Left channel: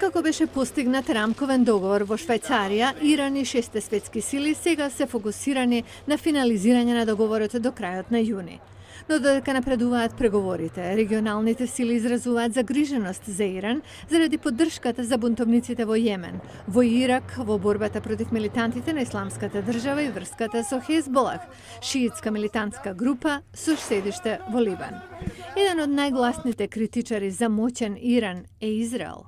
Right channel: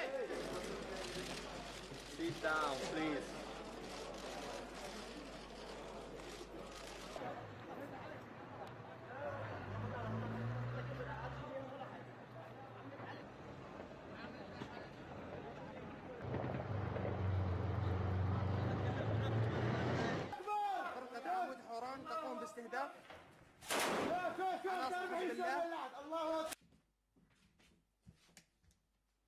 Откако беше постигнат рамковен договор во Швајцарија, Иран и 6 светски сили сега се фокусирани на финализирање на договорот до крајот на јуни. Но додека напредуваат преговорите, регионалните сили изразуваат загриженост за Иран заради поддршката за бунтовниците во Јемен, во Ирак, во борбата против милитантите на Исламската држава и врската со Хезболах, шиитска милитантска група со седиште во Ливан. Еден од најгласните критичари за моќен Иран е Израел.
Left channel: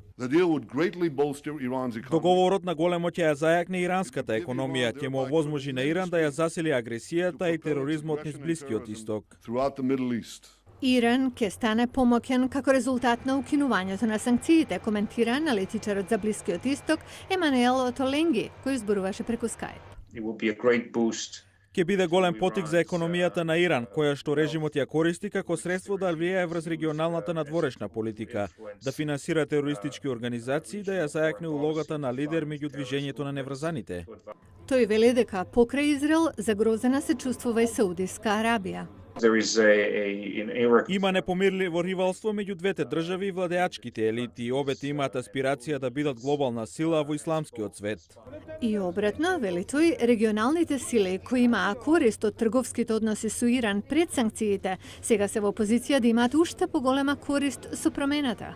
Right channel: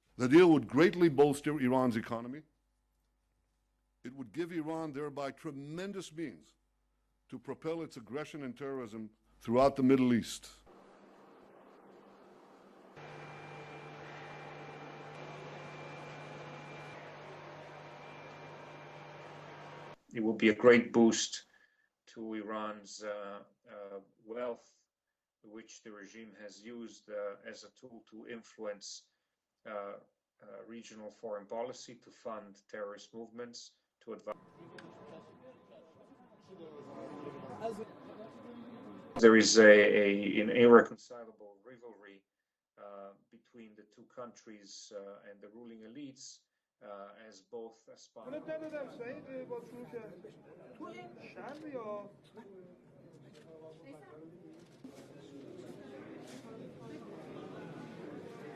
Договорот на големо ќе ја зајакне иранската економија, ќе му овозможи на Иран да ја засили агресијата и тероризмот низ Блискиот исток. Иран ќе стане помоќен како резултат на укинувањето на санкциите, коментира аналитичарот за Блискиот исток Емануел Отоленги, кој зборуваше преку Skype. Ќе биде голем потик за економијата на Иран, која што режимот ја користи како средство да влијае врз регионалната надворешна политика, да финансира терористички организации и да ја зајакне улогата на лидер меѓу движењето на неврзаните. Тој вели дека покрај Израел загрозена се чувствува и Саудиска Арабија. Има непомирливо ривалство меѓу двете држави и владеачките елити и обете имаат аспирација да бидат глобална сила во исламскиот свет. И обратно, вели тој, регионалните сили кои имаа корист од трговските односи со Иран пред санкциите, сега се во позиција да имаат уште поголема корист со промената.